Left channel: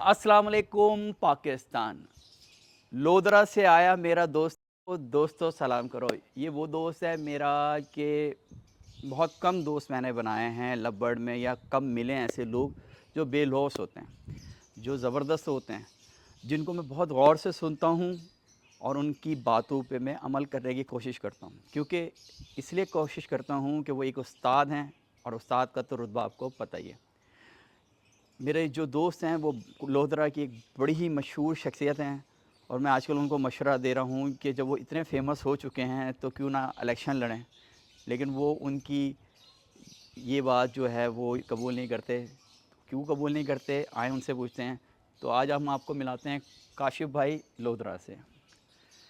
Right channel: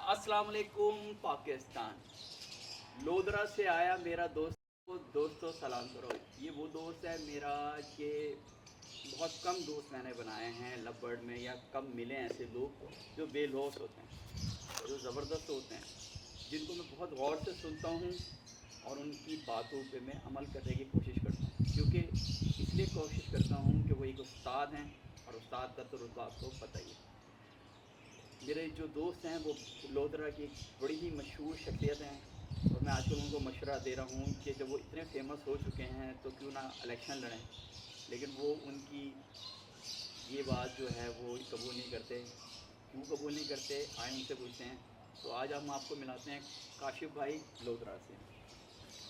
अस्सलाम वालेकुम पाकिस्तान। लोधरा से आया मेरा दोस्त को दोस्तों सलाम करो। ये वो दोस्त है मेरा कि बहुत कम दोस्त मैंने बनाए हैं लबड़ में, या कम मिले हैं ऐसे लोग जो बेलौस होते हैं, जो ज़बरदस्त होते हैं, जिनको मैं बहुत गौर से सुनता हूँ और उनकी बातों पे मैं अमल करने की कोशिश करता हूँ, क्योंकि इसलिए कोशिश करता हूँ कि वो एक उस्ताद हैं, और उस्ताद का तो रुतबा आपको पता ही है। मेरे जो दोस्त हैं वो लोधरा की एक बड़ी ही मशहूर शख्सियत हैं, और मैं आजकल उनको मशवरा दे रहा हूँ कि जब वो इतने फेमस हो चुके हैं तो क्यों ना इलेक्शन लड़ें, लेकिन वो उनकी ये बात जो है वो कबूल नहीं करते। क्यों कबूल नहीं करते, आए उनसे पूछते हैं। तो आज हम आपको मिलाते हैं काशिफ भाई लोधरा से।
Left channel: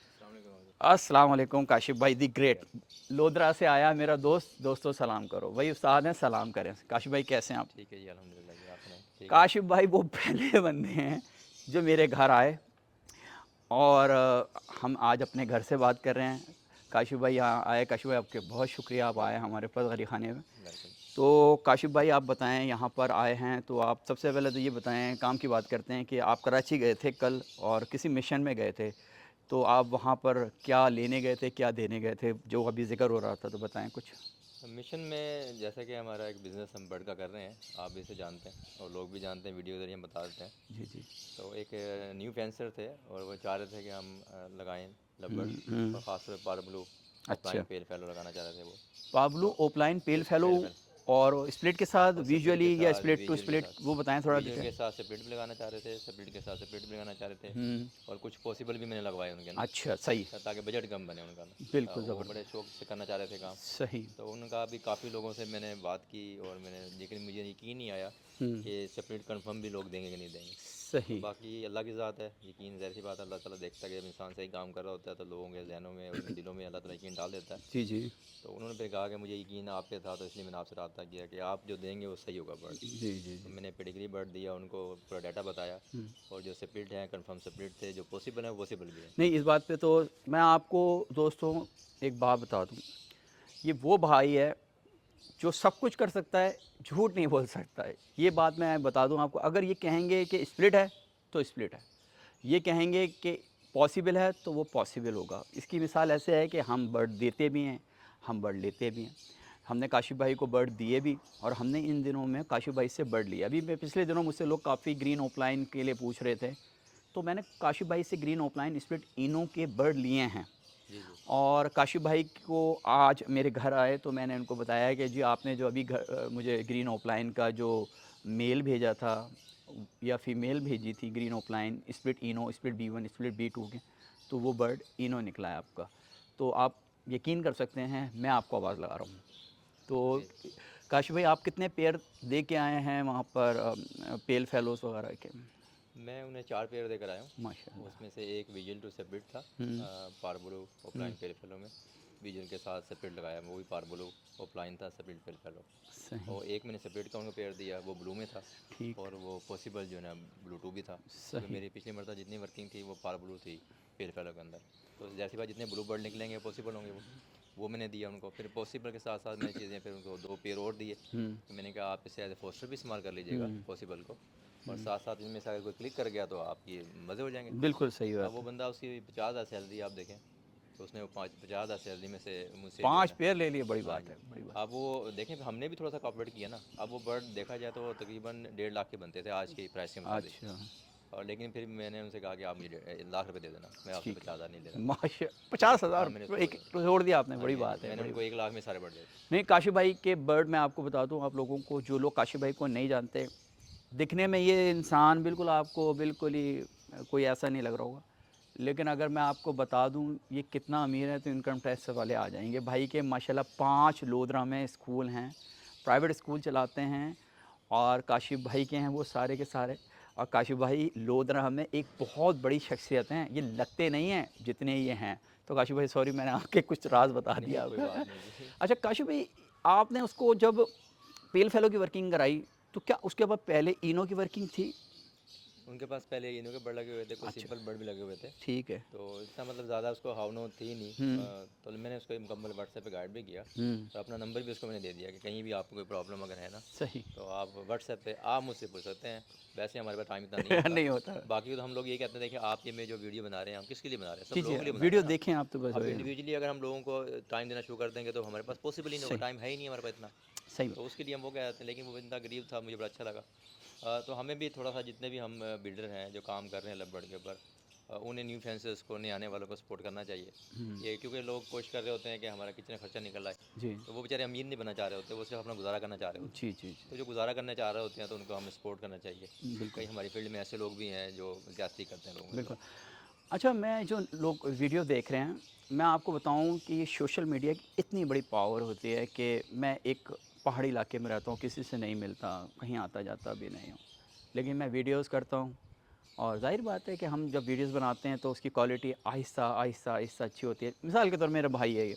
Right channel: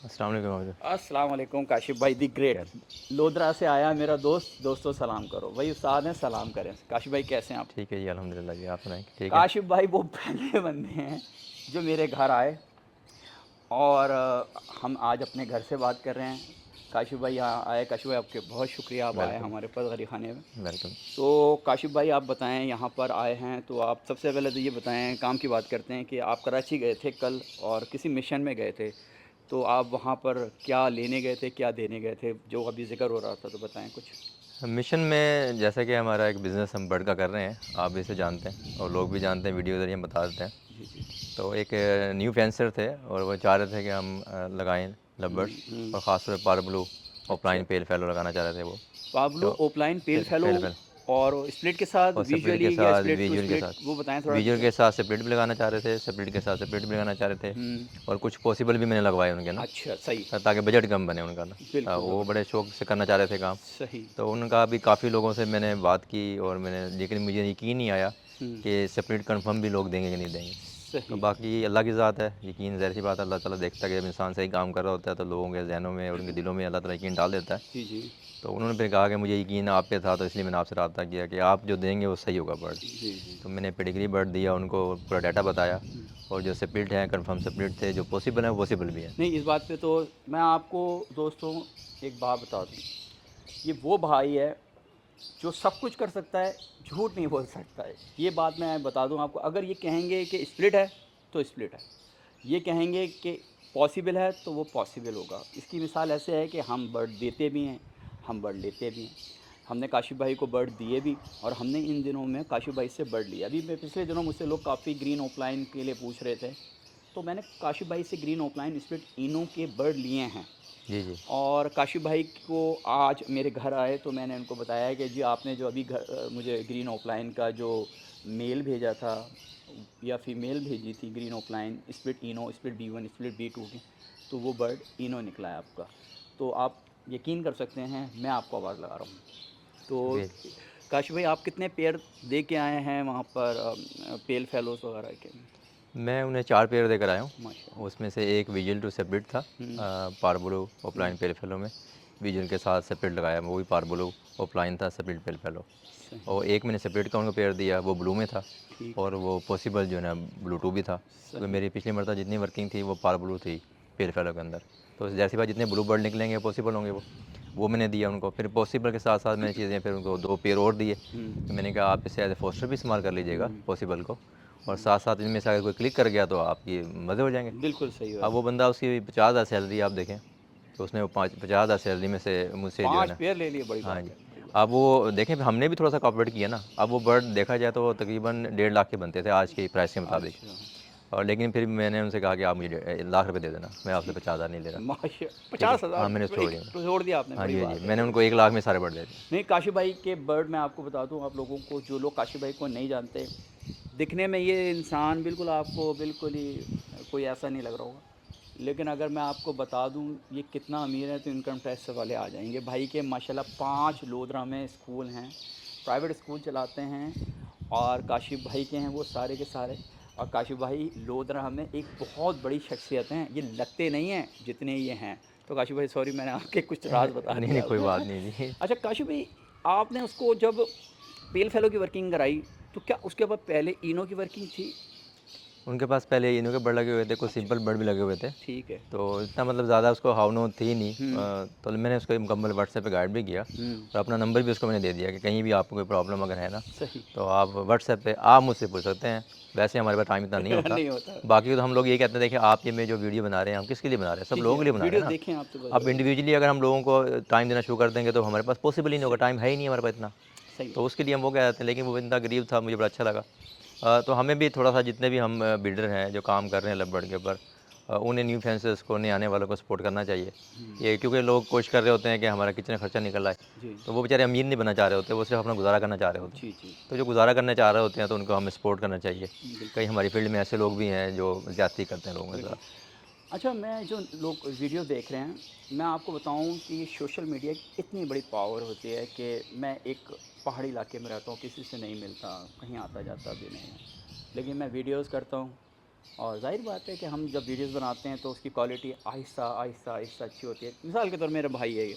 अस्सलाम वालेकुम भाई। अस्सलाम वालेकुम काशिफ भाई दी ग्रेट। क्या? लोधरा से आया मेरा दोस्त, दोस्तों सलाम करो। वही उस्ताद हैं, सलाम करें। काशिफ भाई कैसे हैं आप? ठीक है जी, अल्हम्दुलिल्लाह जी। आप सुनाएं, ठीक है। काशिफ भाई वो पहले बंदे हैं जो मेरे घर आए, और हम आज अपने घर से बात कर रहे हैं। काशिफ भाई यहाँ आए। काशिफ भाई आपके बहुत शुक्रिया, आप आए वेलकम। हमारे पास गरी खाने में। वेलकम। तो काशिफ भाई आप बताएं, यहाँ पर आए हैं तो आप सबसे पहले तो ये बताएं, काम की बात करते हैं कि आप कराची गए थे कल और किसी मिशन में गए थे, तो आप वहाँ पर क्या लेने गए थे, क्या देने गए थे, जो अभी जिक्र हो रहा था, तो बताएं कुछ। मिशन में जैसा कि हमारा एक बिज़नेस हम बड़ का कर रहे हैं, आप भी इसे जानते हैं और लोग भी जानते हैं, वीडियो के ज़रिए हम बता देते हैं। जी जी। तो एक न्यू फेंसर थे और वो चाह रहे थे कि हम लगाएं लबड़, और ख़ासतौर पर पार ब्लू अच्छा। ऑफलाइन पेल फैलो लगाना चाह रहे थे वो। पाब्लो तो ओपलाइन पेल फेलो, पेल फैल और स्प्लिट के साथ और स्प्लिट के विजुअली, या साथ, स्प्लिट टू विजुअल के स्प्लिट, साथ, वो बताएं थोड़ा विजुअल डिटेल। के साथ स्प्लिट भी लगाना चाह रहे थे, स्प्लिट के साथ स्प्लिट भी लगाना चाह रहे थे। और कुछ पॉसिबल भी मैंने लगवाए उनके ना, अच्छा सही। ताकि बजट कम बने उनका ना। बिल्कुल वो बिल्कुल। बड़े शौक से करना चाह रहे थे काम। सही। तो उनका भी काफ़ी लोगों से मैंने बात की और मैंने, लेकिन मुझे यकीन नहीं आया हम्म। कि स्प्लिट कंफर्म भी लोग देंगे कि नहीं देंगे। तो सही। बाकी अल्लाह की ज़ात है, यकीन ज़ाहिर सी बात है, अल्लाह ताला देखता है कि जब इंसान सही काम कर रहा होता है तो लोगों के जहनों में और उनके दिलों में अल्लाह ताला यकीन डाल देता है। जी जी। तो उन्होंने फिर कहा कि मुझे यकीन आप पे था, तो इसलिए मैंने आपसे रब्ता किया कि आप जो देंगे वो सही होगा बर्ड। जी जी जी। तो मैंने पेडिग्री बर्ड दिया उनको, पूरा डाटा बताया, और जो स्प्लिट हैं कंफर्म स्प्लिट थे, जो पॉसिबल हैं वो पॉसिबल भी है। नहीं, इस बात पे तो मैं आपको दोस्तों एक बात बता दूँ। ये वो भाई है जो सब कुछ कर सकता है, झूठ नहीं बोल सकता है। ये बात मैं बता दूँ आपको। अगर ये कहेंगे कि स्प्लिट है तो स्प्लिट है, ये कहेंगे कि पॉसिबल है तो वो पॉसिबल होगा। इसकी मिसाल ऐसे है कि हम बर्ड देते भी हैं, हम बर्ड लेते भी हैं। हमने काशिफ भाई को बर्ड दिए भी, और हमने इन दिनों में काशिफ भाई से बर्ड लिया अभी। पिछले दिनों मुझसे लोग काफ़ी ग्रीन ऑफलाइन के लिए पूछ रहे थे, तो मैंने काशिफ भाई से ग्रीन ऑफलाइन स्प्लिट इनो के बर्ड लिए हैं। जी जी। और काशिफ भाई को आज मेरे घर आए तो मैंने उनको बताया कि जी आपने जो अभी मुझे ग्रीन ऑफलाइन का जो मेल भेजा था या फीमेल भेजी थी, ग्रीन ऑफलाइन स्प्लिट इनो, स्प्लिट B1, स्प्लिट B2 की, तो वो बर्ड इनो निकला है आपका। तो आप यकीन कर सकते हैं मैं आपको आवाज़ लगा रहा हूँ। तो जी। काशिफ भाई आप कितने पेयर दे के आए हैं वहाँ पर, पेल फेलोज़ वगैरह के? मैं उन्हें 4 पेयर देकर आया हूँ। माशाल्लाह। उसमें से एक विजुअल टू सेपरेट था, हम्म। पार्बलो हम्म। ऑफलाइन पेल फेलो में विजुअल के साथ सेपरेट लगाया, वो भी पार्बलो ऑफलाइन था, सेपरेट पेल फेलो। सही। और एक मैंने सेपरेट का उनको पेयर दिया, वो ब्लू में था, ठीक। और वो पॉसिबल जो है ना ब्लू टू भी था, क्योंकि सही। मेरी पिछली मरतबा जितनी वर्किंग थी वो पार ब्लू थी पेल फेलो के अंदर। तो जैसी बात जितने ब्लू बर्ड निकलेंगे पॉसिबल होंगे वो मैंने दिया उनको। फिर पॉसिबल के साथ साथ मैंने चीज़ें फिर उनको 2 पेयर और दिए। तो मैंने कहा आप इसे एज ए फोस्टर भी इस्तेमाल कर लीजिएगा पॉसिबल को, और साथ साथ इनमें से अगर कोई क्लिक कर गया तो आपकी मज़े हो जाएंगे। बिल्कुल सही अब बात वो है। बंदा, उसकी 50,000 सैलरी आप देखें, तो उसने वो 50,000 सैलरी में से मुझसे जो है 5 ना। पेयर ले लिए, बड़ी हाँ बात जी। है, बड़ी बात अब वो देखें, हमने भी थोड़ा सा कॉपरेट किया ना। अब वो बर्ड देखा जाए तो वो तकरीबन 1.5 लाख के बनते थे आज की प्राइस के है। मुताबिक। अच्छा। और लेकिन फिर मैंने उनसे कहा कि आप मुझे लाख रुपए दे देना, मैं आपसे ठीक। 50,000 नहीं ले रहा। माशा ठीक है, 50,000 हाँ मैंने तो छोड़ एक दिया। तो जोड़ दिया आपने, हाँ बड़ी जी, हाँ बात जी, है, मैंने बड़ी उनको बात। 1 लाख में सारे बर्ड दे दिए। नहीं, काशी भाई के बर्ड मैं आपको बता दूं, आप लोगों को, जो लोग काशी भाई को नहीं जानते, दिखने में ये इंसान बिल्कुल आपको बिल्कुल ही कोई ऐसा नहीं लग रहा होगा, लेकिन अगर मैं आपको बता दूं ये कितना अमीर है तो इनकम टैक्स वाले आ जाएंगे। भाई के माशाल्लाह 5 लोधरा में स्कूल हैं, प्राइवेट स्कूल चलाते हैं, और काशिफ भाई के हैं वो सारे के सारे। और काशिफ भाई लोधरा में एक बहुत बड़ी शख्सियत हैं, ये लगते नहीं हैं जितने ये हैं। तो काशिफ भाई सॉरी, मैंने आपके कुछ राज बता नहीं नहीं, दिया। कोई बात नहीं जी। अच्छा काशिफ भाई, आपने उसको जब पेल फेलो की वर्किंग कराई तो क्या उसके बाद पहले इनो की वर्किंग थी? उनके पास पहले इनों के बर्ड लगे हुए थे, कुछ सिंपल बर्ड भी लगे हुए थे। ठीक है। तो इतना मतलब ज़्यादा उसको हाव थी नहीं। तो मैंने उसको मुकम्मल व्हाट्सएप पे गाइड भी किया और अपना नंबर भी उसको मैंने दे दिया कि कहीं भी आपको कोई प्रॉब्लम अगर है ना, सही। तो आप व्हाट्सएप पे आप मुझसे पूछ सकते हैं। वैसे हमारे पास टाइम इतना नहीं होता। नहीं होता। बाकी तो हम लोग यही कहते हैं, देखिए आप ये में जो वीडियो बना रहे हैं हम किसके लिए बना रहे हैं, सब जी, लोगों जी, के लिए बना रहे वीडियो हैं ना। देखें आप तो बस अब वही है। इंडिविजुअली अगर हम लोगों को टाइम देना शुरू कर देंगे तो हमारे पास पॉसिबल ही नहीं होगा, सही, टाइम है ही नहीं हमारे पास इतना। सही। तो उसके लिए हम वो कह देते हैं, लेकिन वो इतना गरीब था, मुझे बड़ा अच्छा लगा। तो हमें भी थोड़ा सा, जितने भी हम बिल्डर हैं जो काम कर रहे हैं लव के ऊपर, उन्हें न्यू फेंसेस को, नए आने वालों को सपोर्ट करना चाहिए। ये क्योंकि लोग कोशिश कर रहे होते हैं कि हमारा किचन खर्चा निकल आए, जी, तो वो बेचारे अमीर नहीं बनना चाह रहे होते, वो सिर्फ अपना गुजारा करना चाह रहे होते हैं। जी, जी, तो जो गुजारा करना चाह रहे होते हैं तो उनको हमें सपोर्ट करना चाहिए। बिल्कुल, कई हमारी फील्ड में ऐसे लोग भी हैं जो ज़्यादती करते हैं लोगों के बिल्कुल। साथ। अच्छा, मैं जो लोग वीडियो देख रहे हैं, मैं आपको बताऊं कि ये सोशल मीडिया की इतनी बड़ी पावर होती है कि मैं एक पहाड़ी इलाके में रहता हूँ, किसी से नहीं मिलता, कहीं आता जाता भी नहीं हूँ, लेकिन मैं वीडियोस करता हूँ। और ज़ाहिर बात है कि हम जब वीडियोस बनाते हैं तो उसकी क्वालिटी आहिस्ता आहिस्ता आहिस्ता अच्छी होती है। मिसाल के तौर मेरा भाई है ये,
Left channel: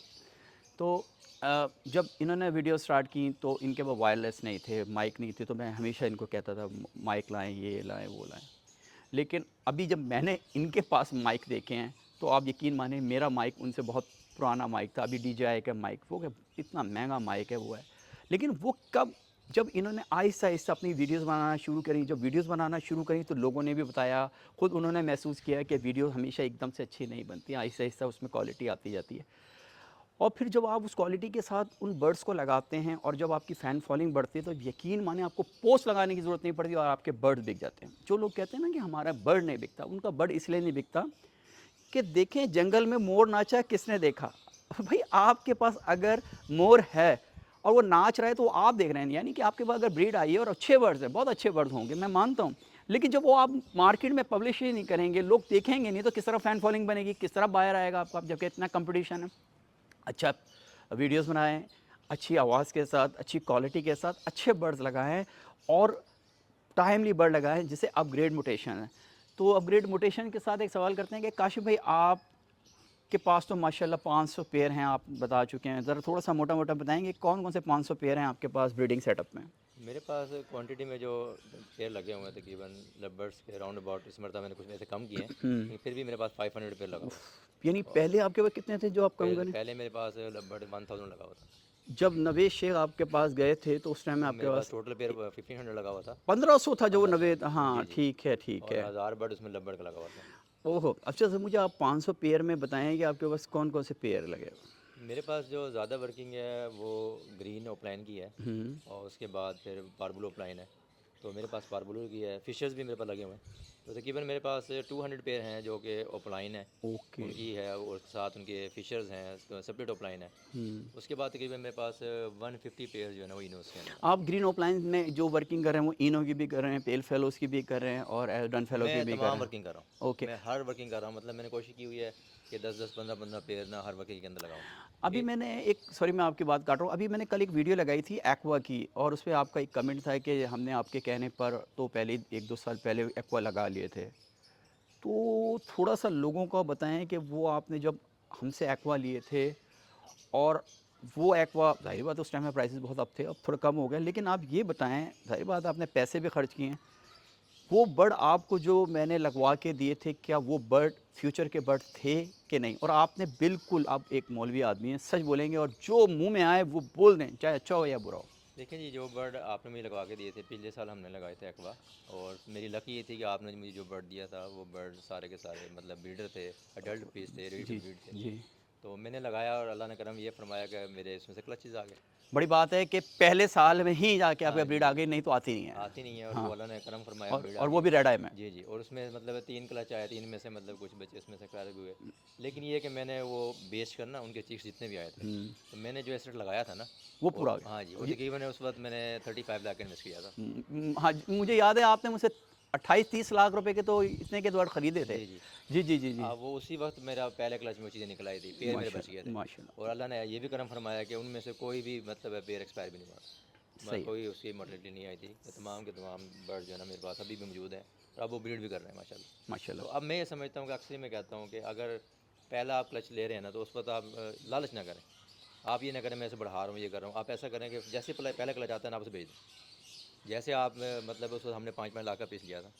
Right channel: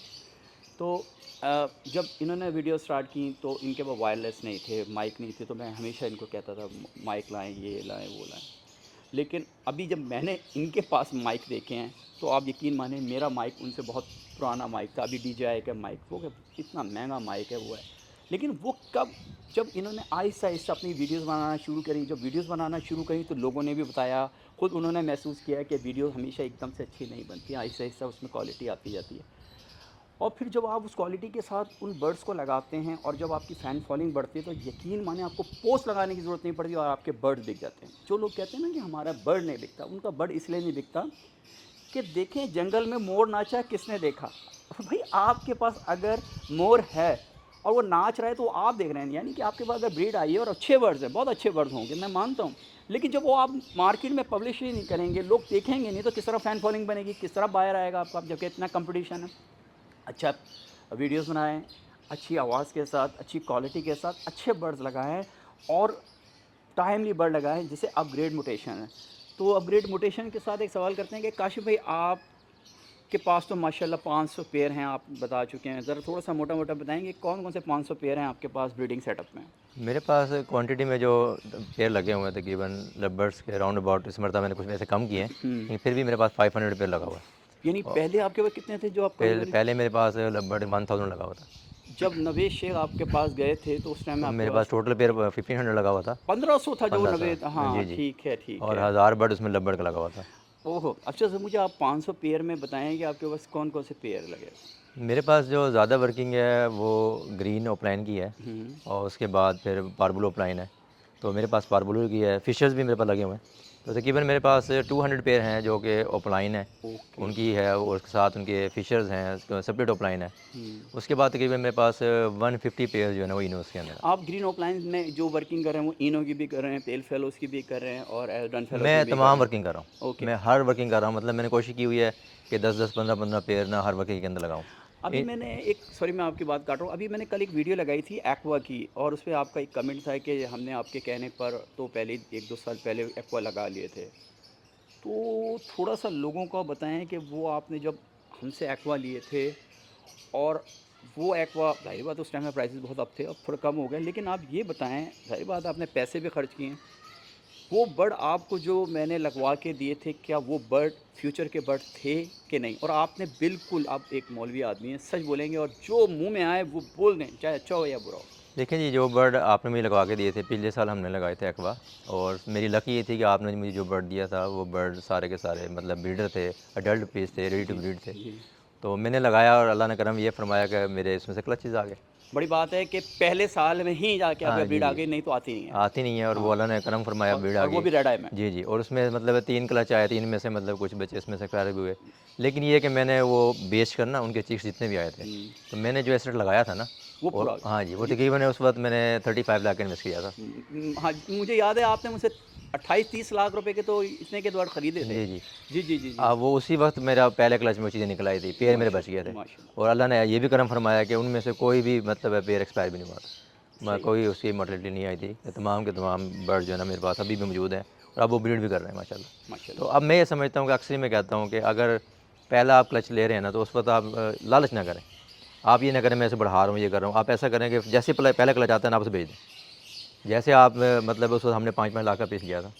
तो जब इन्होंने वीडियो स्टार्ट की तो इनके वो वायरलेस नहीं थे, माइक नहीं थे, तो मैं हमेशा इनको कहता था माइक लाएं, ये लाएं, वो लाएं। लेकिन अभी जब मैंने इनके पास माइक देखे हैं तो आप यकीन मानिए मेरा माइक उनसे बहुत पुराना माइक था, अभी DJI का माइक, वो क्या इतना महंगा माइक है वो है। लेकिन वो कब, जब इन्होंने आहिस्ता आहिस्ता अपनी वीडियोस बनाना शुरू करी, जब वीडियोस बनाना शुरू करी तो लोगों ने भी बताया, खुद उन्होंने महसूस किया कि वीडियो हमेशा एकदम से अच्छी नहीं बनती, आहिस्ता आहिस्ता उसमें क्वालिटी आती जाती है। और फिर जब आप उस क्वालिटी के साथ उन बर्ड्स को लगाते हैं और जब आपकी फ़ैन फॉलोइंग बढ़ती है तो यकीन माने आपको पोस्ट लगाने की ज़रूरत नहीं पड़ती और आपके बर्ड दिख जाते हैं। जो लोग कहते हैं ना कि हमारा बर्ड नहीं बिकता, उनका बर्ड इसलिए नहीं बिकता कि देखें जंगल में मोर नाचा किसने देखा। भाई आपके पास अगर मोर है और वो नाच रहा है तो आप देख रहे हैं, यानी कि आपके पास अगर ब्रीड आई है और अच्छे बर्ड्स हैं, बहुत अच्छे बर्ड्स होंगे, मैं मानता हूँ। लेकिन जब वो आप मार्केट में पब्लिश ही नहीं करेंगे, लोग देखेंगे नहीं, तो किस तरह फ़ैन फॉलोइंग बनेगी, किस तरह बायर आएगा आपका, जबकि इतना कंपटीशन है। अच्छा वीडियोस बनाएं, अच्छी आवाज़ के साथ, अच्छी क्वालिटी के साथ, अच्छे बर्ड्स लगाएं और टाइमली बर्ड लगाएं जिसे अपग्रेड म्यूटेशन है। तो अपग्रेड म्यूटेशन के साथ एक सवाल करते हैं कि काशिफ भाई आपके पास तो माशाल्लाह 500 पेयर हैं, आप बता चुके हैं, ज़रा थोड़ा सा मोटा मोटा बताएंगे कौन कौन से 500 पेयर हैं आपके पास ब्रीडिंग सेटअप में। मेरे पास क्वांटिटी में जो पेयर लगे हुए हैं तकरीबन लवर्स के राउंड अबाउट, इस मरतबा मैंने कुछ ऐसे कम किए हैं, लेकिन फिर भी मेरे पास 500 पेयर लगा हुआ है। यानी और पहले आपके पास कितने थे जो आप कम पहले करें? पहले मेरे पास लगभग 1000 लगा हुआ था। जब नवेद शेख आपके पास गए थे तो उस टाइम में तो आपके मेरे पास पास टोटल पेयर 1500 लगा हुआ था। 1500 था जो 1500, नवेद, हाँ जी जी। ठीक है ठीक और है। 1000 बर्ड उसमें लव बर्ड का लगा हुआ था। ओहो! अच्छा सर मुझे आप 500 पेयर में बताएँ कि आपके पास कौन-कौन से पेयर लगे? मेरे पास जो ज़्यादा वर्किंग है वो ग्रीन ओपलाइन की है, हुँ, और उसके बाद फिर पार्बुल ओपलाइन है। तो मेरे पास पार्बुल की है, फिशर्स भी मेरे पास लगे हुए हैं। तो तकरीबन मेरे पास 200 पेयर हैं जो कि ओपलाइन है, ओके। उनकी है, और उसके साथ उनके फिशर्स हैं, सेपरेट ओपलाइन है। हुँ। उसके बाद तकरीबन मेरे पास 150 पेयर जो है ना वो इनोस के अंदर है। आप ग्रीन ओपलाइन में जो वर्किंग कर रहे हैं वो इनो की भी कर रहे हैं, पेल फेलोज़ की भी कर रहे हैं और डन फेलो की मैं भी कर तमाम रहे वर्किंग कर रहा हैं। हूँ, ओके। मैं हर वर्किंग कर रहा हूँ, मतलब मैंने कोशिश की हुई है कि 10-10, 15-15 पेयर ना हर वर्किंग के अंदर लगाऊँ। अभी मैंने एक, सॉरी मैं आपकी बात काट रहा हूँ, अभी मैंने कल एक वीडियो लगाई थी एक्वा की और उसपे आपका एक कमेंट था कि हमने आपके कहने पर तो पहले 1-2 साल पहले एक्वा लगा लिए थे। तो थोड़ा-सा लोगों को बताएँ कि वो आपने जब हमसे एक्वा लिए थे और वो एक्वा, ज़ाहिर बात है उस टाइम में प्राइसेस बहुत अप थे, अब थोड़ा कम हो गए, लेकिन आप ये बताएँ, ज़ाहिर बात है आपने पैसे भी खर्च किए हैं, वो बर्ड आपको जो मैंने लगवा के दिए थे, क्या वो बर्ड फ्यूचर के बर्ड थे कि नहीं? और आपने बिल्कुल, आप एक मौलवी आदमी हैं, सच बोलेंगे और जो मुँह में आए वो बोल दें, चाहे अच्छा हो या बुरा हो। देखिए जी, जो बर्ड आपने मुझे लगवा के दिए थे, पिछले साल हमने लगाए थे एक्वा, और मेरी लक ये थी कि आपने मुझे जो बर्ड दिया था वो बर्ड सारे के सारे मतलब ब्रीडर थे, अडल्ट पीस थे, रेडी टू जी, ब्रीड थे। जी। तो मैंने लगाया और अल्लाह ने करम ये फरमाया कि मेरे इसमें से क्लचेज़ आ गए। बड़ी बात है कि पहले साल में ही जाके आपका हाँ जी, ब्रीड आ जी। गई, नहीं तो आती नहीं है। आती नहीं है, और वो हाँ, अल्लाह ने करम फरमाया, भीड़ आ और वो गई। भी रेड आई में। जी, जी, और उसमें मतलब 3 क्लच आए, 3 में से मतलब कुछ बचे इसमें से ख़राब भी हुए। लेकिन ये है कि मैंने वो बेच कर ना उनके चिक्स जितने भी आए थे, हुँ, तो मैंने जो एसेट लगाया था ना, वो और पूरा हाँ जी, वो जी। तकरीबन उस वक़्त मैंने 35 लाख का इन्वेस्ट किया था। हाँ, मुझे याद है आपने मुझसे 28-30 लाख रुपए के तो इतने के द्वारा खरीदे थे। जी, जी। जी, जी, जी, जी। वो उसी वक़्त मेरा पहले क्लच में वो चीज़ें निकल आई थी, पेयर मेरे बच गए माशाल्लाह, थे, माशाल्लाह। और अल्लाह ने ये भी करम फरमाया कि उनमें से कोई भी मतलब है पेयर एक्सपायर भी नहीं हुआ था। सही, कोई उसकी मोर्टेलिटी नहीं आई थी। तमाम के तमाम बर्ड जो है ना मेरे पास अभी भी मौजूद हैं, और अब वो ब्रीड भी कर रहे हैं माशाल्लाह। तो माशाल्लाह। अब मैं ये समझता हूँ कि अक्सर मैं कहता हूँ कि अगर पहला आप क्लच ले रहे हैं ना, तो उस वक़्त आप लालच ना करें। आप ये ना करें मैं इसे बढ़ा रहा हूँ, ये कर रहा हूँ। आप ऐसा करें कि जैसे पहला क्लच आता है ना, आप उसे भेज दें। जैसे आप मतलब उस वक़्त हमने 5-5 लाख का पीस लिया था।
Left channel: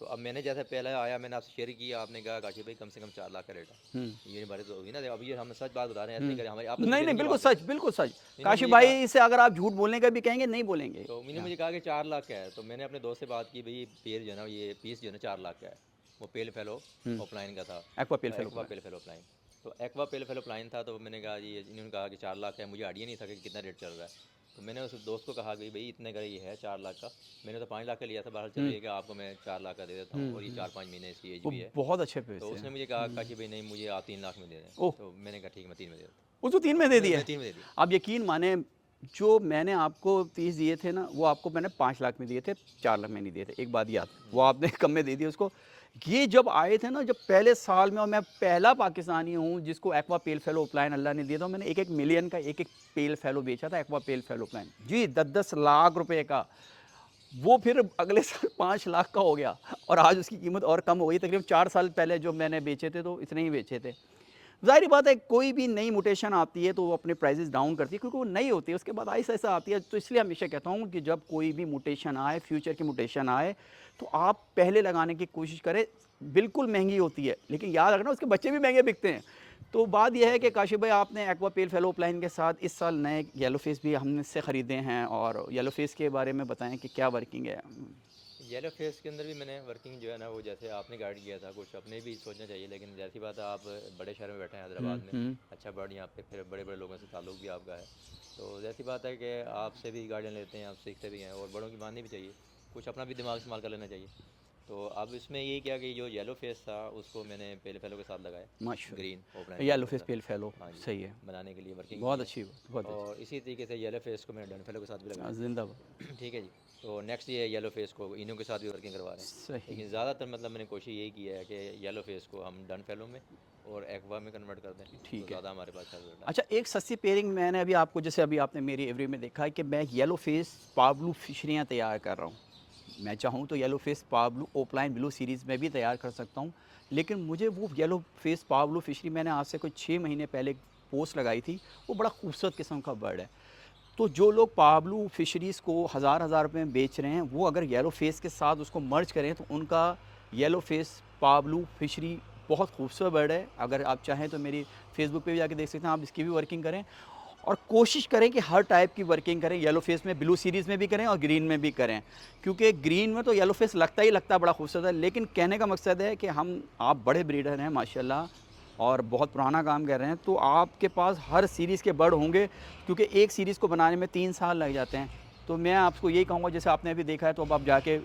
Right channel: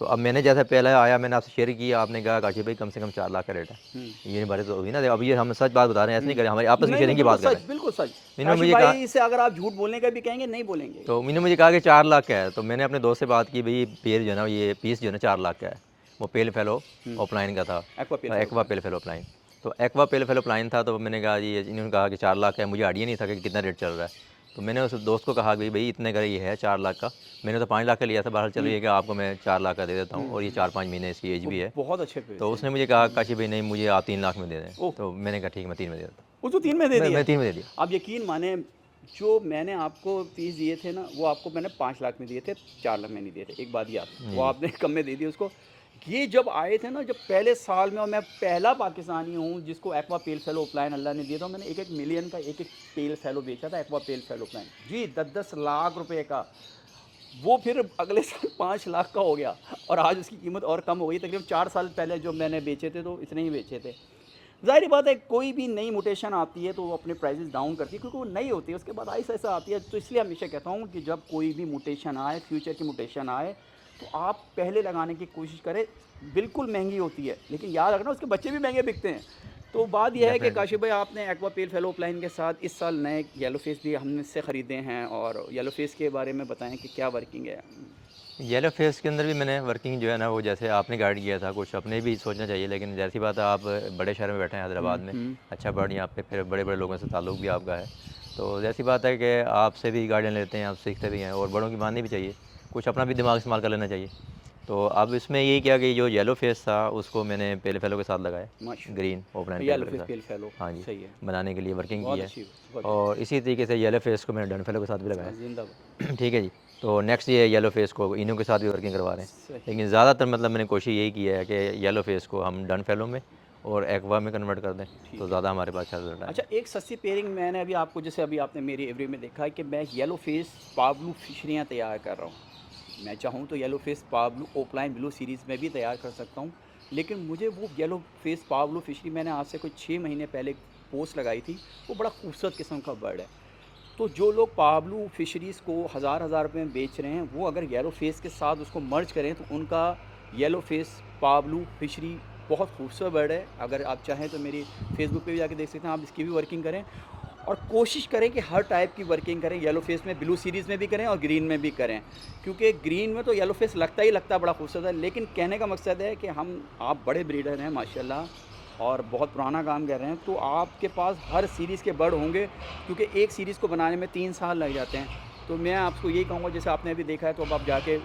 तो अब मैंने जैसा पहले आया मैंने आपसे शेयर किया, आपने कहा काशिफ भाई कम से कम 4 लाख का रेट है। ये बात तो होगी ना, अब ये हम सच बात बता रहे हैं, ऐसे नहीं करें, हमारी आपस की नहीं नहीं शेयरिंग की बिल्कुल बात कर रहे सच, हैं। बिल्कुल सच। इन्होंने काशिफ मुझे कहा, भाई से अगर आप झूठ बोलने का भी कहेंगे नहीं बोलेंगे। तो इन्होंने मुझे कहा कि 4 लाख का है, तो मैंने अपने दोस्त से बात की, भाई पेड़ जो है ना, ये पीस जो है ना 4 लाख का है। वो पेल फेलो ऑफलाइन का था, एक्वा पेल एक्वा पेल फेलो ऑफलाइन। तो एक्वा पेल फेलो ऑफलाइन था, तो मैंने कहा जी, इन्होंने कहा कि 4 लाख का है, मुझे आइडिया नहीं था कि कितना रेट चल रहा है। तो मैंने उस दोस्त को कहा कि भाई इतने का ये है 4 लाख का, मैंने तो 5 लाख का लिया था, बाहर चलो ये कि आपको मैं 4 लाख का दे देता हूँ, और ये 4-5 महीने इसकी एज भी है। बहुत अच्छे पे तो उसने मुझे कहा काशिफ भाई नहीं, मुझे आप 3 लाख में दे दें। तो मैंने कहा ठीक, मैं 3 में दे देता हूँ। उसको 3 में दे दिया। मैं 3 में दे दिया। आप यकीन माने, जो मैंने आपको फीस दिए थे ना, वो आपको मैंने 5 लाख में दिए थे, 4 लाख में नहीं दिए थे। एक बात याद, वो आपने कम में दे दी उसको। ये जब आए थे ना, जब पहले साल में, और मैं पहला पाकिस्तानी हूँ जिसको एक्वा पेल फेलो ऑफलाइन अल्लाह ने दिया था। मैंने 1-1 मिलियन का 1-1 पेल फेलो बेचा था, एक्वा पेल फेलो ऑफलाइन जी, 10-10 लाख रुपए का। वो फिर अगले साल 5 लाख का हो गया, और आज उसकी कीमत और कम हो गई। तकरीबन 4 साल पहले जो मैंने बेचे थे तो इतने ही बेचे थे। ज़ाहिर बात है, कोई भी नई मुटेशन आती है तो वो अपने प्राइसेस डाउन करती है, क्योंकि वो नई होती है, उसके बाद ऐसा ऐसा आती है। तो इसलिए हमेशा कहता हूँ कि जब कोई भी मुटेशन आए, फ्यूचर की मुटेशन आए, तो आप पहले लगाने की कोशिश करें। बिल्कुल महंगी होती है, लेकिन याद रखना उसके बच्चे भी महंगे बिकते हैं। तो बात यह है कि काशिफ भाई, आपने एक्वा पेल फेलो ऑफलाइन के साथ इस साल नए येलो फेस भी हमने से ख़रीदे हैं, और येलो फेस के बारे में बताएं कि क्या वर्किंग है। येलो फेस के अंदर भी मैंने वर्किंग जो है ना, वो जैसे आपने गाइड किया था, कुछ अपने भी सोचना चाहिए, लेकिन जैसी बात है, आप बड़े शहर में बैठे हैं हैदराबाद में, अच्छा बर्ड यहाँ पे, फिर बड़े बड़े लोगों से ताल्लुक़ भी आपका है, तो जैसी बात है कि आपसे भी गाइडेंस लेते हैं, आप सीखते भी हैं, और बड़ों की माननी भी चाहिए, कुछ अपना भी दिमाग इस्तेमाल कर लेना चाहिए। तो अब इसमें यही किया कि जो येलो फेस था उसको मैंने पेल फेलो के साथ लगाया, green offline yellow pale face fellow पेल फेलो, हाँ जी, सही है, बनाने के लिए वर्किंग बहुत की अच्छी, है। बहुत और इसी तरीके से येलो फेस को मैंने डन फेलो के साथ भी लगाया। जिंदाबाद। ठीक है जी। तो नेक्स्ट ये येलो फेस को इनो के साथ भी वर्किंग करवा रहे हैं, सही। लेकिन ज़्यादातर मतलब मैंने कोशिश यही की है कि येलो फेस को हम डन फेलो में और एक्वा में कन्वर्ट कर दें, तो ज़्यादा हमारे पास अच्छा रिजल्ट है। अच्छा, एक सस्ती पेयरिंग मैंने अभी आपको, जैसे अभी आपने मेरी एवरी में देखा है कि मैं येलो फेस पाब्लू फिशरियाँ तैयार कर रहा हूँ। मैं चाहूँ तो येलो फेस पाब्लू ओपलाइन ब्लू सीरीज़ में भी तैयार कर सकता हूँ, लेकिन मुझे वो येलो फेस पाब्लू फिशरी, मैंने आज से कोई 6 महीने पहले एक पोस्ट लगाई थी, वो बड़ा खूबसूरत किस्म का बर्ड है। तो जो लोग पाब्लू फिशरीज़ को हज़ार रुपए में बेच रहे हैं, वो अगर येलो फेस के साथ उसको मर्ज करें तो उनका येलो फेस पाब्लू फिशरी बहुत खूबसूरत बर्ड है। अगर आप चाहें तो मेरी फेसबुक पे भी जाके देख सकते हैं, आप इसकी भी वर्किंग करें, और कोशिश करें कि हर टाइप की वर्किंग करें। येलो फेस में, ब्लू सीरीज़ में भी करें, और ग्रीन में भी करें, क्योंकि ग्रीन में तो येलो फेस लगता ही लगता है बड़ा खूबसूरत है। लेकिन कहने का मकसद है कि आप बड़े ब्रीडर हैं माशाल्लाह, और बहुत पुराना काम कर रहे हैं, तो आपके पास हर सीरीज़ के बर्ड होंगे, क्योंकि एक सीरीज़ को बनाने में 3 साल लग जाते हैं। तो मैं आपको यही कहूँगा, जैसे आपने अभी देखा है, तो अब आप जाके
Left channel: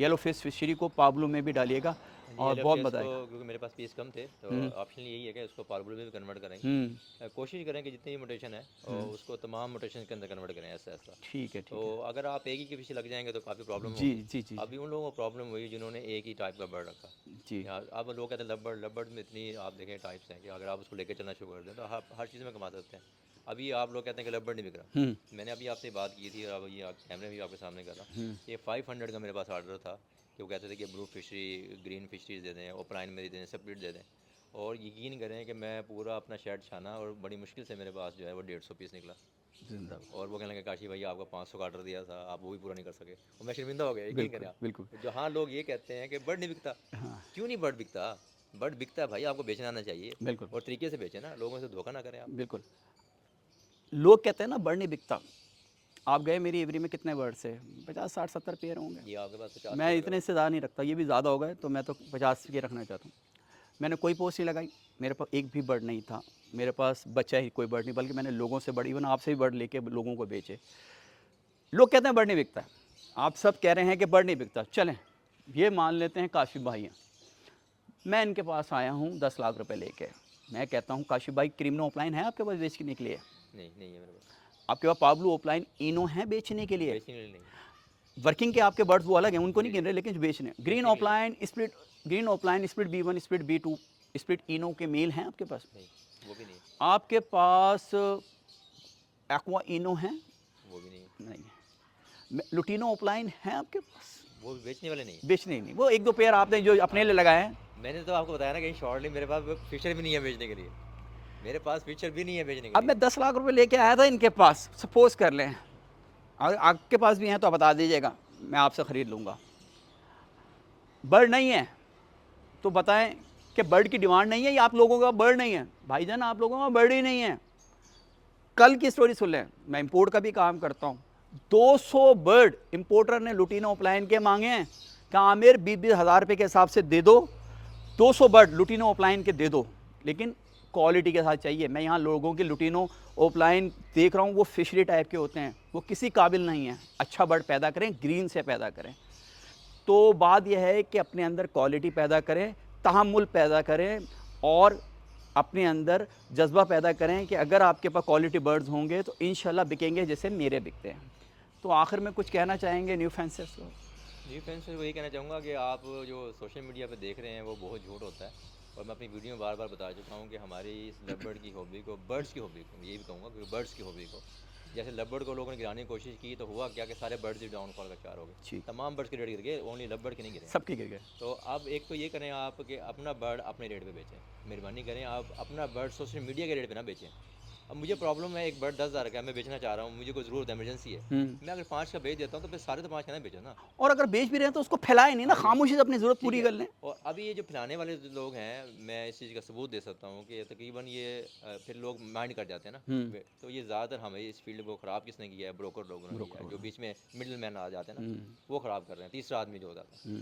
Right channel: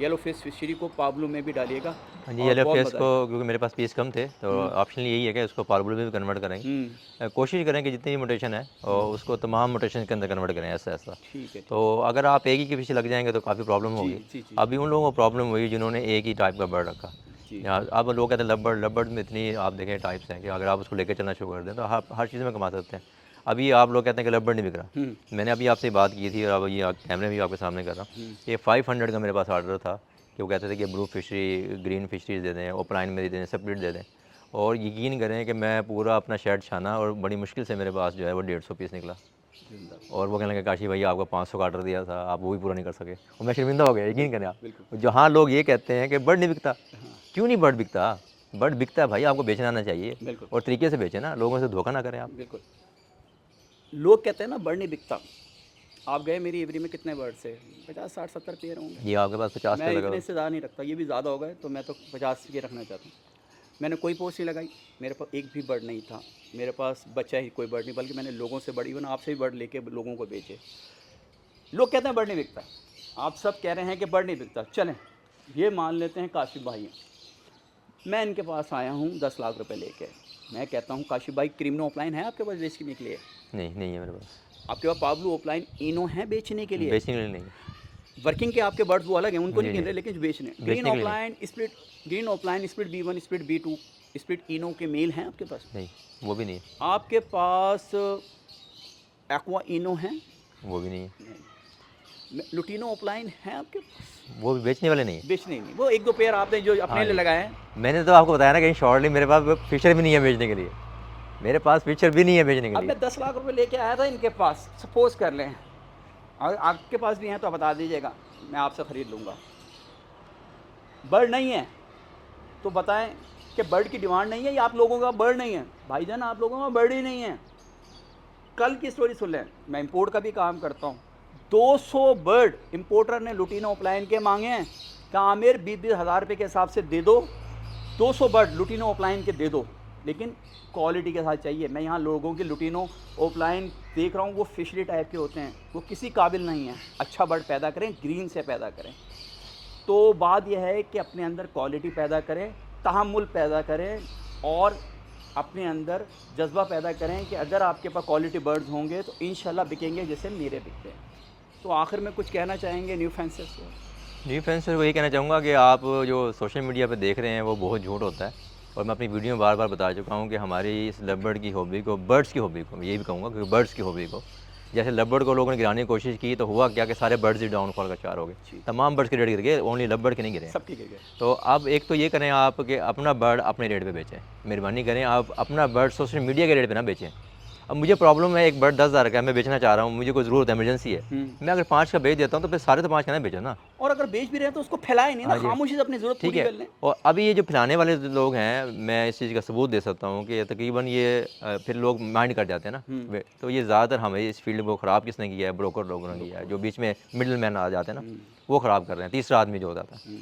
येलो फेस फिशरी को पाब्लू में भी डालिएगा। हाँ जी, और येलो बहुत फेस मज़ा को, आएगा। क्योंकि मेरे पास पीस कम थे, तो ऑप्शन यही है कि उसको पार्बल में भी कन्वर्ट करेंगे। कोशिश करें कि जितनी भी मोटेशन है और उसको तमाम मोटेशन के अंदर कन्वर्ट करें, ऐसा ऐसा। ठीक है। तो अगर आप एक ही के पीछे लग जाएंगे तो काफ़ी प्रॉब्लम जी होगी। जी जी अभी उन लोगों को प्रॉब्लम हुई जिन्होंने एक ही टाइप का बर्ड रखा। जी। यहाँ अब लोग कहते हैं लबर्ड, लबर्ड में इतनी आप देखें टाइप्स हैं कि अगर आप उसको लेकर चलना शुरू कर दें तो आप हर चीज़ में कमा सकते हैं। अभी आप लोग कहते हैं कि लबर्ड नहीं बिक रहा। मैंने अभी आपसे बात की थी, और अब ये कैमरे में भी आपके सामने कर रहा हूँ। ये 500 का मेरे पास ऑर्डर था कि वो कहते थे कि ब्लू फिशरी, ग्रीन फिशरीज दे दें, ओपलाइन में दे दें, सेपरेट दे दें। और यकीन करें कि मैं पूरा अपना शेड छाना, और बड़ी मुश्किल से मेरे पास जो है वो 150 पीस निकला। और वो कहने लगे काशी भैया आपको 500 का ऑर्डर दिया था, आप वो भी पूरा नहीं कर सके। और मैं शर्मिंदा हो गया, यकीन करें आप। बिल्कुल। जहाँ लोग ये कहते हैं कि बर्ड नहीं बिकता, क्यों नहीं बर्ड बिकता? बर्ड बिकता है भाई, आपको बेचना आना चाहिए, बिल्कुल। और तरीके से बेचें ना, लोगों से धोखा ना करें आप। बिल्कुल। लोग कहते हैं ना बर्ड नहीं बिकता। आप गए मेरी एवरी में, कितने बर्ड से 50-60-70 पेयर होंगे। ये आपके पास 50 मैं पे इतने लगा। से ज़्यादा नहीं रखता, ये भी ज़्यादा हो गए, तो मैं तो 50 के रखना चाहता हूँ। मैंने कोई पोस्ट नहीं लगाई, मेरे पास एक भी बर्ड नहीं था, मेरे पास बच्चा ही कोई बर्ड नहीं, बल्कि मैंने लोगों से बर्ड, इवन आपसे भी बर्ड लेके लोगों को बेचे। लोग कहते हैं बर्ड नहीं बिकता, आप सब कह रहे हैं कि बर्ड नहीं बिकता, चलें ये मान लेते हैं काशिफ भाई हैं। मैं इनके पास आया हूँ 10 लाख रुपए लेके, मैं कहता हूँ काशिफ भाई, क्रीमनो ऑफलाइन है आपके पास बेचने के लिए? नहीं है मेरे पास। आपके पास पाब्लो ऑफलाइन इनो है बेचने के लिए? बेचने के लिए नहीं। वर्किंग के आपके बर्ड्स वो अलग हैं, उनको जी नहीं गिन जी, रहे, लेकिन बेचने। बेचने ग्रीन के लिए offline split, green offline split B1 split B2 split इनो के मेल हैं आपके पास? नहीं, वो भी नहीं है। आपके पास एक्वा इनो है? वो भी नहीं है। लुटिनो ऑफलाइन है आपके पास? वो भी बेचने वाले नहीं है। बेचने ही नहीं, वो 1-2 पेयर आपने जो अपने हाँ लिए जी। लगाए हैं। मैंने तो आपको बताया ना कि शॉर्टली मेरे पास फिशर भी नहीं है बेचने के लिए, मेरे पास फिशर भी नहीं है बेचने के अब लिए। मैं 10 लाख रुपए लेके आया था इनके पास, सपोज कर लें, अगर आपके पास भी हैं तो बता दीजिएगा, मैं आपसे ख़रीद लूँगा। बर्ड नहीं है तो बताएं कि बर्ड की डिमांड नहीं है या आप लोगों का बर्ड नहीं है? भाईजान आप लोगों का बर्ड ही नहीं है। कल की स्टोरी सुन लें, मैं इंपोर्ट का भी काम करता हूँ। 200 बर्ड इंपोर्टर ने लुटीनो ऑफलाइन के मांगे हैं कि आमिर 20-20 हज़ार रुपये के हिसाब से दे दो, 200 बर्ड लुटीनो ऑफलाइन के दे दो, लेकिन क्वालिटी के साथ चाहिए। मैं यहाँ लोगों के लुटीनो ऑफलाइन देख रहा हूँ, वो फिशरी टाइप के होते हैं, वो किसी काबिल नहीं है। अच्छा बर्ड पैदा करें, ग्रीन से पैदा करें। तो बात यह है कि अपने अंदर क्वालिटी पैदा करें, तहम्मुल पैदा करें और अपने अंदर जज्बा पैदा करें कि अगर आपके पास क्वालिटी बर्ड्स होंगे तो इंशाल्लाह बिकेंगे जैसे मेरे बिकते हैं। तो आखिर में कुछ कहना चाहेंगे न्यू फेंसिस को? जी फ्रेंड्स, सर वही कहना चाहूँगा कि आप जो सोशल मीडिया पे देख रहे हैं वो बहुत झूठ होता है। और मैं अपनी वीडियो में बार बार बता चुका हूँ कि हमारी इस लव की हॉबी को, बर्ड्स की हॉबी को, ये भी कहूँगा कि बर्ड्स की हॉबी को, जैसे लव को लोगों ने गिराने की कोशिश की तो हुआ क्या कि सारे बर्ड्स ही डाउनफॉल का शिकार हो गए। तमाम बर्ड्स के रेट गिर गए, ओनली लव के नहीं गिरे हैं। सबकी गिर। तो अब एक तो ये करें आप कि अपना बर्ड अपने रेट पे बेचें, मेहरबानी करें आप अपना बर्ड सोशल मीडिया के रेट पे ना बेचें। अब मुझे प्रॉब्लम है, एक बर्ड 10,000 का है, मैं बेचना चाह रहा हूँ, मुझे कोई ज़रूरत इमरजेंसी है, मैं अगर 5 का बेच देता हूँ तो फिर सारे तो 5 का ना बेचो ना। और अगर बेच भी रहे हैं तो उसको फैलाए नहीं ना, हाँ जी, खामोशी से अपनी ज़रूरत ठीक पूरी है। कर लें। और अभी ये जो फैलाने वाले लोग हैं, मैं इस चीज़ का सबूत दे सकता हूँ कि तकरीबन ये फिर लोग माइंड कर जाते हैं ना। तो ये ज़्यादातर हमें इस फील्ड को ख़राब किसने किया है? ब्रोकर लोगों ने किया है, जो बीच में मिडल मैन आ जाते हैं ना, वो ख़राब कर रहे हैं। तीसरा आदमी जो होता है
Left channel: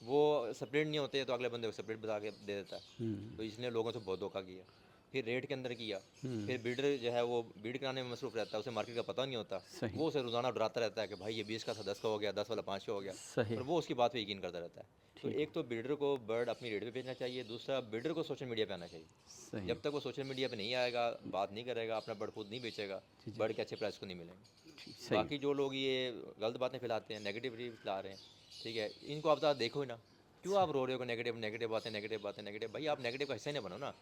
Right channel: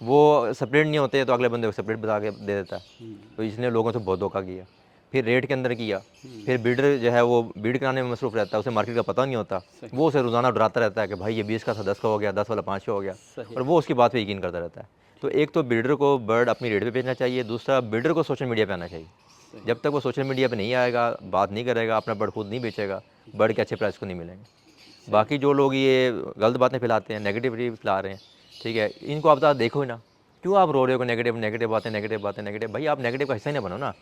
वो सेपरेट नहीं होते, तो अगले बंदे को सेपरेट बता के दे देता है। तो इसने लोगों से बहुत धोखा किया, फिर रेट के अंदर किया, फिर बीडर जो है वो बीड कराने में मसरूफ़ रहता है, उसे मार्केट का पता नहीं होता, वो उसे रोज़ाना डराता रहता है कि भाई ये 20 का था 10 का हो गया, 10 वाला 5 का हो गया, और वो उसकी बात पे यकीन करता रहता है। तो एक तो बिल्डर को बर्ड अपनी रेट पे बेचना चाहिए, दूसरा बिल्डर को सोशल मीडिया पे आना चाहिए। जब तक वो सोशल मीडिया पे नहीं आएगा, बात नहीं करेगा, अपना बर्ड खुद नहीं बेचेगा, बर्ड के अच्छे प्राइस को नहीं मिलेंगे। बाकी जो लोग ये गलत बातें फैलाते हैं, नेगेटिविटी फैला रहे हैं, ठीक है, इनको आप देखो ही ना, क्यों आप रो रहे हो? नेगेटिव नेगेटिव बातें, नेगेटिव बातें, नेगेटिव। भाई आप नेगेटिव का हिस्सा ही ना बनो ना।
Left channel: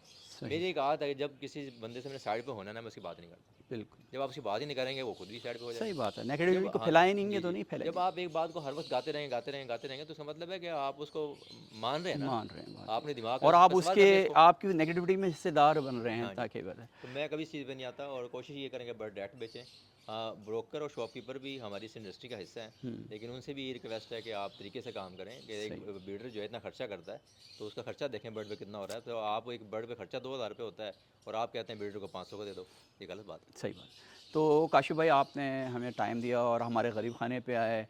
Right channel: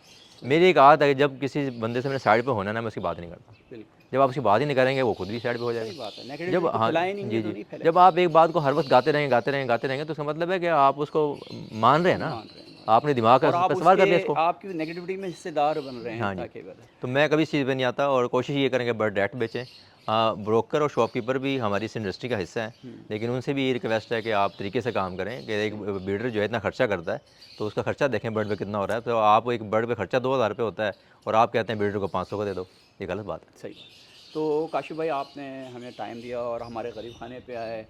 मेरी एक आदत है कि जब किसी बंदे से मैंने साइड पे होना ना, मैं उसकी बात नहीं करता। बिल्कुल जब आप उसकी बात ही नहीं करेंगे, वो खुद भी साइड पे हो सही जाएगा। बात है। जब नेगेटिविटी हाँ फैलाए नहीं जी तो जी, नहीं फैलेगी। जब आप एक बात को हर वक्त गाते रहेंगे, गाते रहेंगे, गाते रहेंगे, तो इसका मतलब है कि आप उसको मान रहे हैं ना, मान रहे हैं आपने दिमाग और का आप पे सवार कर दिया उसके इसको। आपकी नेगेटिविटी में हिस्सेदार बन रहे हैं हाँ जी, ताकि बता। तो मैं कभी इस चीज़ पे नहीं आता और कोशिश ये करेंगे बर्ड डायरेक्ट बेचें। हाँ, ब्रोकर और शॉपकीपर भी हमारी इस इंडस्ट्री का हिस्सा है, लेकिन उनसे भी ये रिक्वेस्ट है कि आप तरीके से काम करें कि एक ब्रीडर जो है इतना खर्चा करता है, तो उसका खर्चा देखें बर्ड पे कितना हो रहा है। तो आप एक बर्ड पे खर्चा 2,000 रुपये होता है और आप कहते हैं ब्रीडर को 500 का दे दो, ये गलत बात है। सही बात। तो काशिफ भाई आपने हमें टाइम दिया और हमारे गरीब खाने पे आए,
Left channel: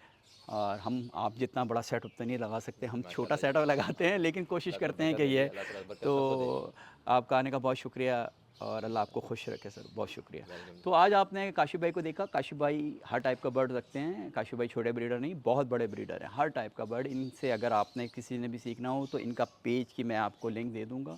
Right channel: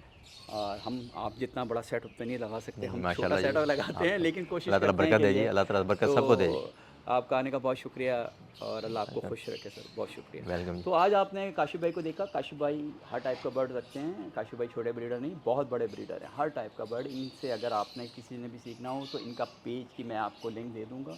और हम आप जितना बड़ा सेटअप तो नहीं लगा सकते, हम छोटा माशाल्लाह जी, सेटअप लगाते हैं आपको लेकिन कोशिश अल्लाह ताला करते हैं बरकत कि दे जी, ये। अल्लाह ताला बरकत तो सबको दे जी। आपका आने का बहुत शुक्रिया और अल्लाह आपको खुश रखे सर, बहुत शुक्रिया। वेलकम। तो आज आपने काशिफ भाई को देखा। काशिफ भाई हर टाइप का बर्ड रखते हैं। काशिफ भाई छोटे ब्रीडर नहीं, बहुत बड़े ब्रीडर हैं, हर टाइप का बर्ड। इनसे अगर आपने किसी ने भी सीखना हो तो इनका पेज की मैं आपको लिंक दे दूँगा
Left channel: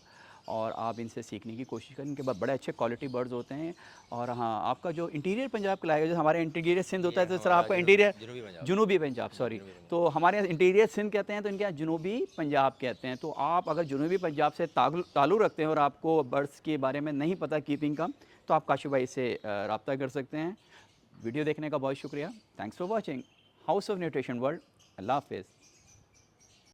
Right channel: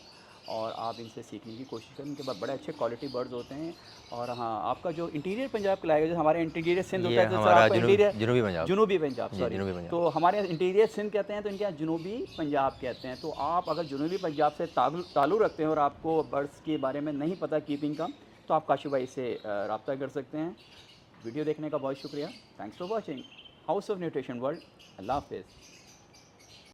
और आप इनसे सीखने की कोशिश करें। इनके पास बड़े अच्छे क्वालिटी बर्ड्स होते हैं। और हाँ, आपका जो इंटीरियर पंजाब का लाएगा, जैसे हमारे इंटीरियर सिंध होता ये है तो सर हमारा आपको इंटीरियर जुनूबी पंजाब। जुनूबी पंजाब, जी, सॉरी। जुनूबी पंजाब। तो हमारे यहाँ इंटीरियर सिंध कहते हैं तो इनके यहाँ जुनूबी पंजाब कहते हैं। तो आप अगर जुनूबी पंजाब से ताल्लुक़ रखते हैं और आपको बर्ड्स के बारे में नहीं पता कीपिंग का, तो आप काशिफ भाई से रब्ता कर सकते हैं। वीडियो देखने का बहुत शुक्रिया। Thanks for watching House of Nutrition World. अल्लाह हाफिज़।